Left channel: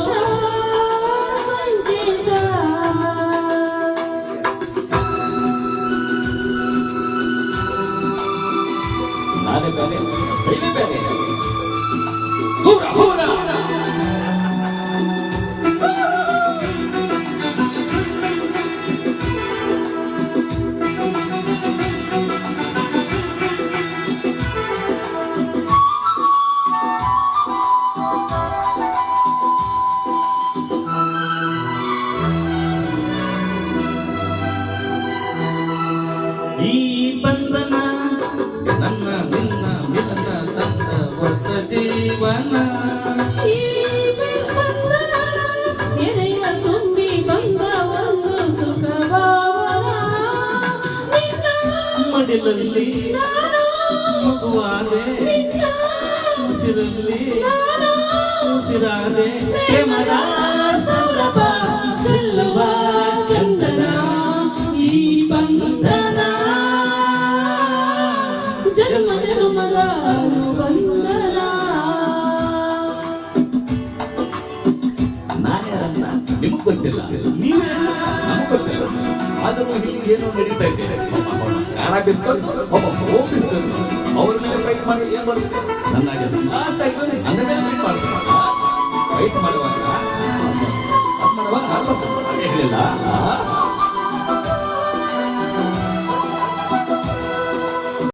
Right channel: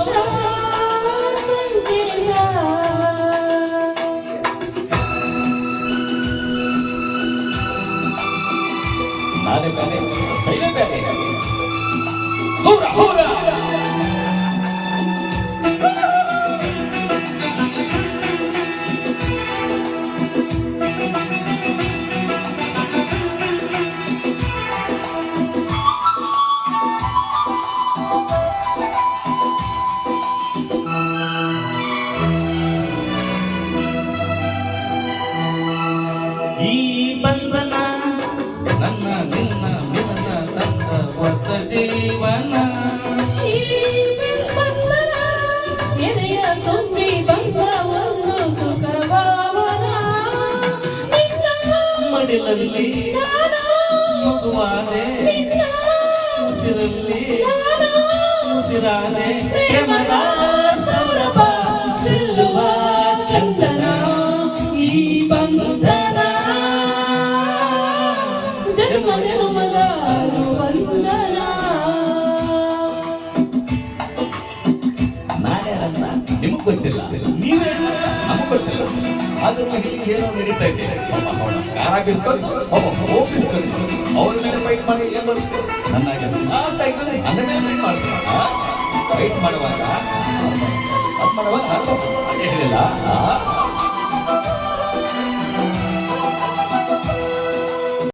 ocean ಈ ಬಂಧನ ನನ್ನ ನಿನ್ನ ಮಿಲನ ನನ್ನ ಹೊಸ ಜೀವನ ಮಡಿಲಲ್ಲಿ ಮಗುವಾದೆ ಉಸಿರಲ್ಲಿ ಉಸಿರಾದೆ ಪ್ರೇಮದ ಗೊತ್ತಿಲ್ಲ ನೀವೇ ನಮಗ್ ಗೊತ್ತಿಲ್ಲ ಆದ್ರೂ ಇಲ್ಲಿ ಏನೋ ನಡೀತಾ ಇದೆ ಯಾರ ಬಿಸ್ಕೊಂಡು ಒಬ್ಬ ಓ ಬಿಸ್ಕೊಂಡು ಅವ್ರ ಮೇಲೆ ಫೈಟ್ ಮಾಡಿ ಏನ್ ಬರುತ್ತೆ ಚೆನ್ನಾಗಿ ಸ್ಮಾರ್ಟ್ ಆಗಿ ಅಂಡರ್ಸ್ಟ್ಯಾಂಡಿಂಗ್ ಮಾಡ್ತಾರೆ ಫೈಟ್ ಮಾಡುವಾಗ ಅದೇ ಹೇಳಿಲ್ಲ